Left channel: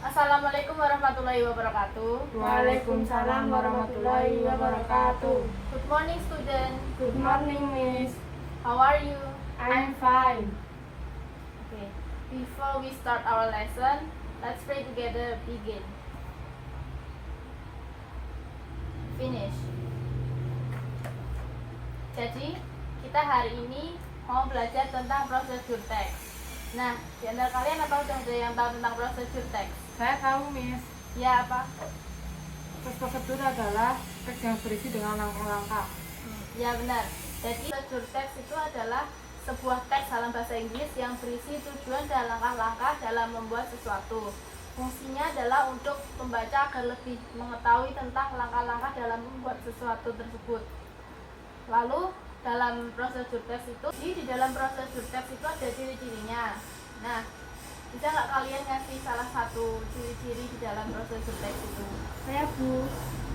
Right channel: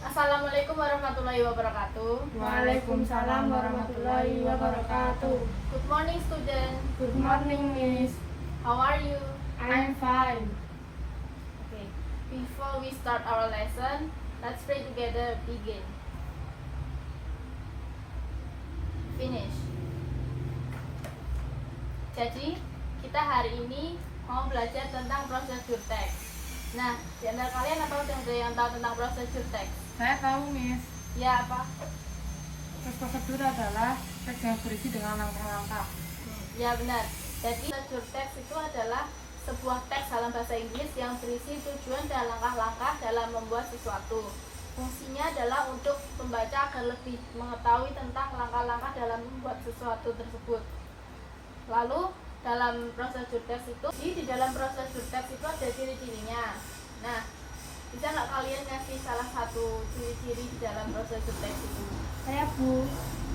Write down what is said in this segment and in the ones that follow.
Assalamualaikum warahmatullahi wabarakatuh. Waalaikumsalam warahmatullahi wabarakatuh. Good morning, student. Good morning, Miss. How are you? I'm fine. Okay. Before we start our lesson, let's pray together. Begin. Finish. Jadi, kita hari ini mau belajar tentang prosedur teks. Nah, di antara kalian apa udah ada yang tahu tentang prosedur teks? Saya tahu, Miss. Ya, apa? Prosedur adalah teks yang berisi dengan langkah-langkah. Ya, benar. Jadi, prosedur teks itu adalah sebuah teks dalam bahasa Inggris yang berisi tujuan dan langkah-langkah dalam membuat sesuatu. Fungsinya adalah untuk pembaca agar lebih mengetahui tentang langkah-langkah dalam membuat sesuatu tersebut. Lalu, dalam prosedur teks itu, di dalam prosedur teks itu ada ciri-cirinya. Nah, bisa nggak kalian ngasih salah satu ciri-ciri di dalam prosedur teks itu? Saya, Bu.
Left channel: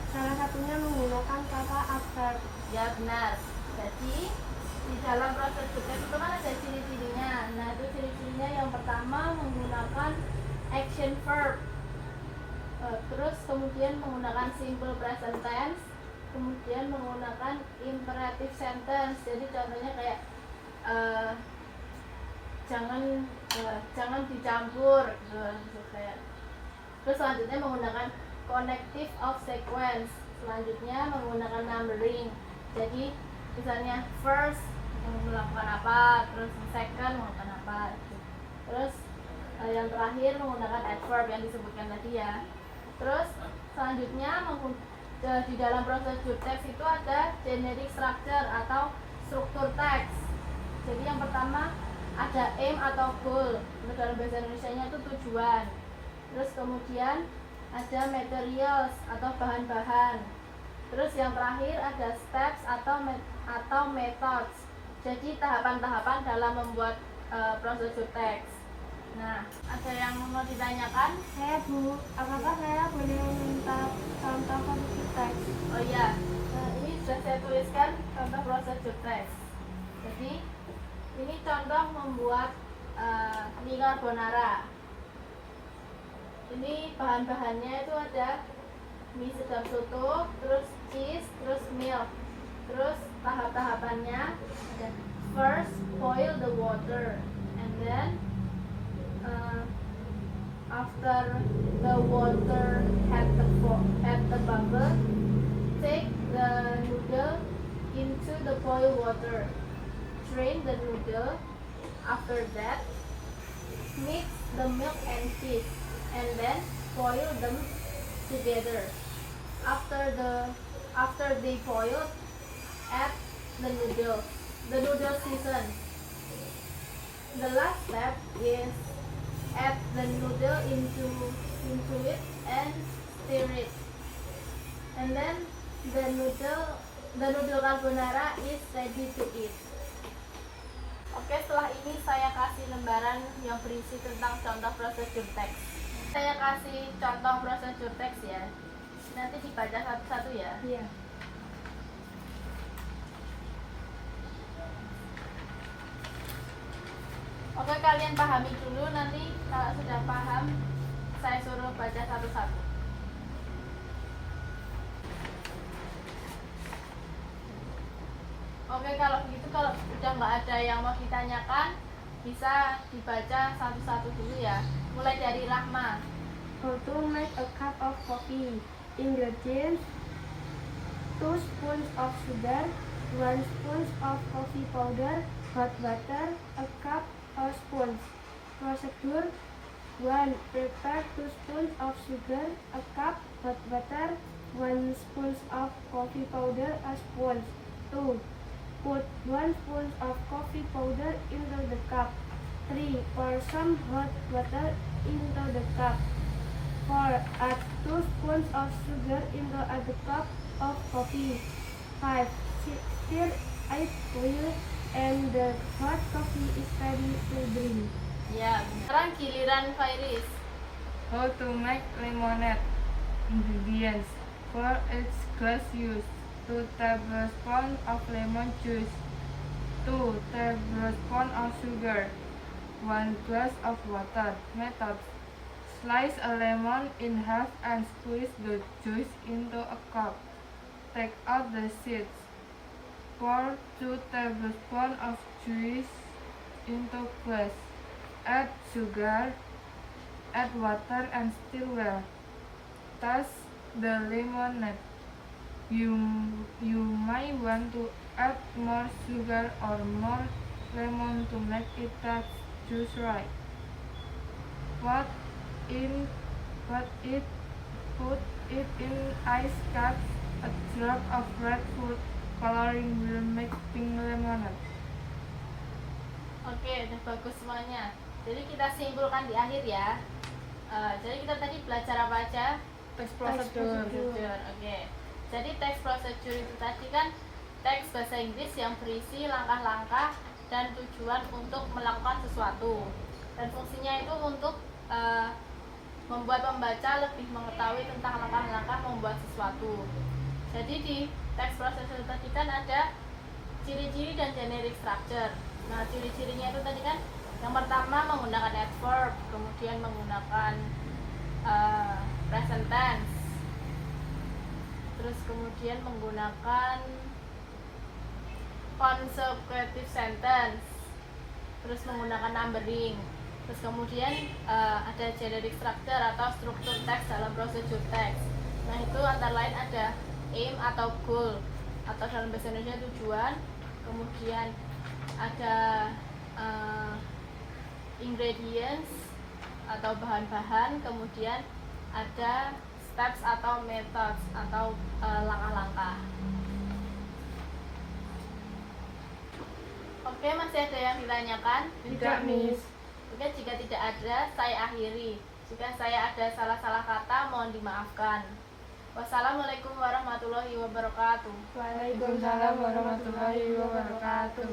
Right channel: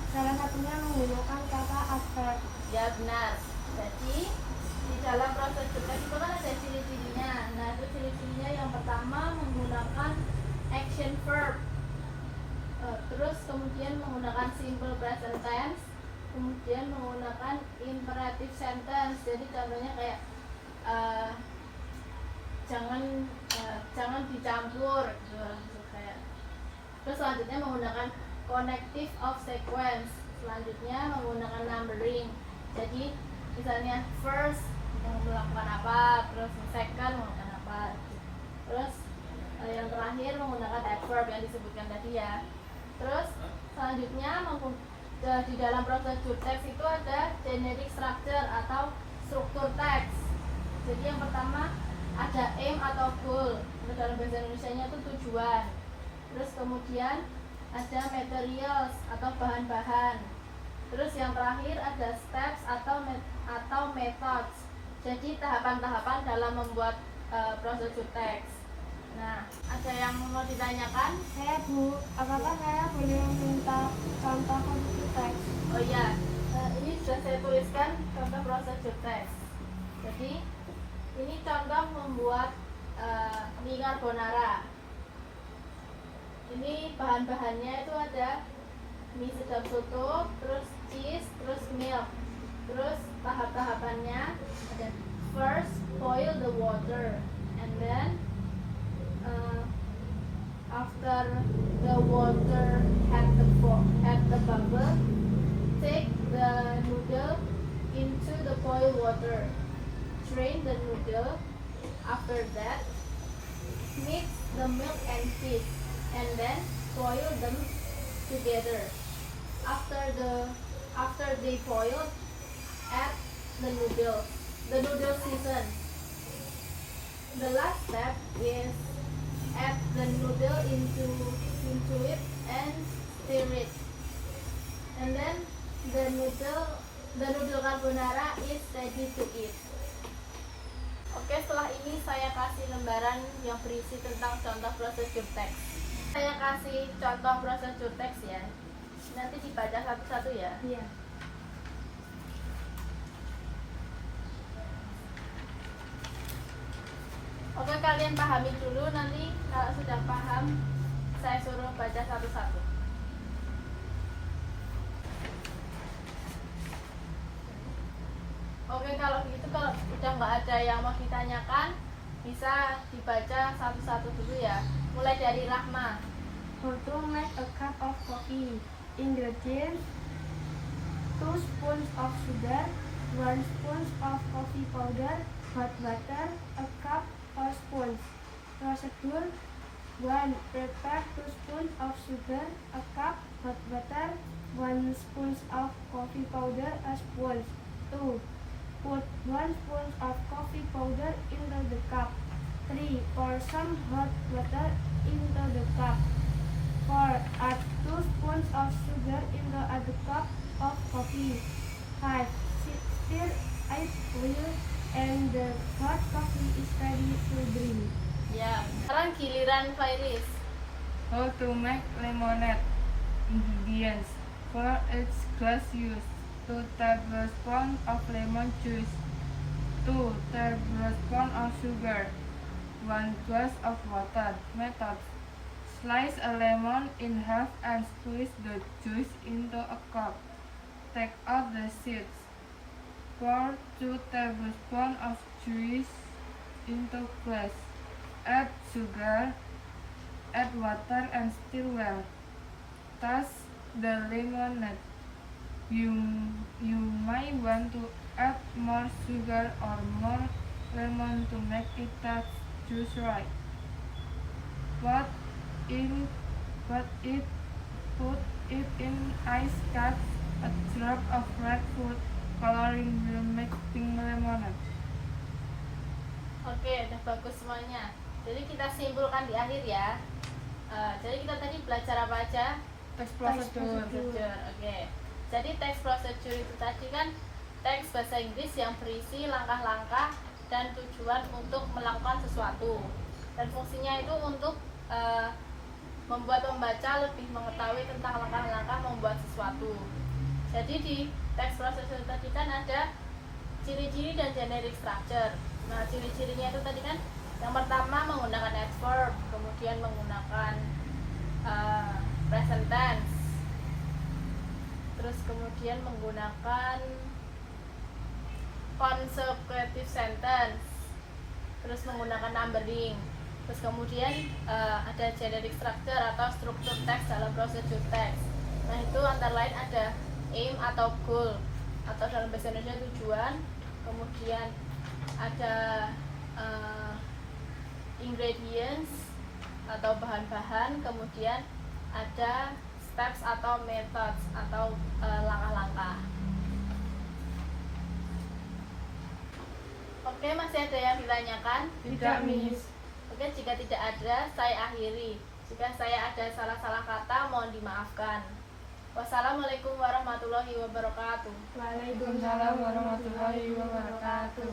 Salah satunya menggunakan kata adverb. Ya, benar. Jadi, di dalam prosedur teks itu kan ada ciri-cirinya. Nah, itu ciri-cirinya yang pertama menggunakan action verb. Terus kemudian menggunakan simple present tense, kemudian menggunakan imperative sentence. Jadi contohnya kayak jangan dicampur gitu, kayak. Terus selanjutnya menggunakan connective of sequence. Selanjutnya menggunakan numbering. Jadi misalnya first melakukan apa, terus second melakukan apa gitu. Terus yang terakhir menggunakan adverb yang disebutkan tadi ya. Terus selanjutnya di dalam prosedur teks itu ada generic structure atau struktur teks. Jadi yang pertama ada aim atau goal, dalam bahasa Indonesianya itu tujuan. Terus kemudian ada materials atau bahan-bahan. Terus yang terakhir ada steps atau methods. Jadi tahapan-tahapan dalam membuat prosedur teks. Nah, ada yang mau ditanyakan? Saya, Bu. Apakah saya boleh meminta contoh prosedur teks? Oh iya, ini sudah saya tuliskan contoh prosedur teks. Jadi ini contoh membuat mie carbonara. Ini bahan-bahannya itu ada mie sedap soto, terus cheese, terus milk. Terus tahap-tahapannya ada first boil the water, and then after the water at the bubble, take the noodle into the boiled water. Drain the noodle. After that, mix the milk and cheese, and then boil them together. After they boil, add the noodle. The noodle season. The last step is add the noodle into it and stir it. And then the noodle carbonara is ready to eat. Oke, setelah ini saya kasih lembaran yang berisi tentang contoh prosedur teks. Saya kasih contoh prosedur teks ya. Nanti dibaca satu-satu ya. Iya. Oke, kalian pahami dulu, nanti kalau sudah paham saya suruh baca satu-satu. Oke, kalau begitu kalau udah nggak ada yang mau ditanyakan, bisa dibaca satu-satu dulu ya. Mulai dari Rahma. How to make a cup of coffee. Ingredients: 2 spoons of sugar, 1 spoon of coffee powder, hot water, a cup or spoons. Procedure: 1. Prepare 2 spoons of sugar, a cup, hot water, 1 spoon of coffee powder, a spoon. 2. Put 1 spoon of coffee powder into the cup. 3. Pour some hot water into the cup. 4. Add 2 spoons of sugar into a cup of coffee. 5. Stir it well and the hot coffee is ready to drink. Ya, sekarang giliran Fairis. How to make lemonade. Ingredients: 4 eggs glass used, 2 tablespoons of lemon juice, 2 tablespoons of sugar, 1 glass of water. Method: Slice a lemon in half and squeeze the juice into a cup. Take out the seeds. Pour 2 tablespoons of juice into glass. Add sugar, add water and stir well. Toss the lemonade. You may want to add more sugar or more lemon to make it taste just right. Put it in ice cups. A drop of red food coloring will make pink lemonade. Oke, udah bagus semuanya. Jadi kita simpulkan di akhir ya. Jadi kita tadi belajar apa aja? Text Procedure. Oke. Jadi text procedure itu tadi kan teks bahasa Inggris yang berisi langkah-langkah dan tujuan untuk melakukan sesuatu. Dan fungsinya itu untuk membuat pembaca lebih mengetahui tentang langkah-langkah membuat sesuatu. Jadi di text procedure tadi kan ada ciri-ciri dan generic structure. Nah, ciri-cirinya itu tadi kan yang pertama menggunakan adverb, kemudian menggunakan present tense, terus kemudian menggunakan consecutive sentence, terus menggunakan numbering, terus kemudian ada generic structure atau struktur teks dalam procedure text. Nah, itu antara lain ada aim atau goal atau dalam bahasa Indonesia tujuan, kemudian ada ingredients atau bahan-bahan, kemudian ada steps atau methods atau langkah-langkah. Oke, masih ada yang ditanyakan? Tidak, Miss. Oke, jika tidak ada, saya akhiri. Jika saya ada salah-salah kata, mohon dimaafkan. Wassalamualaikum warahmatullahi wabarakatuh. Waalaikumsalam warahmatullahi wabarakatuh.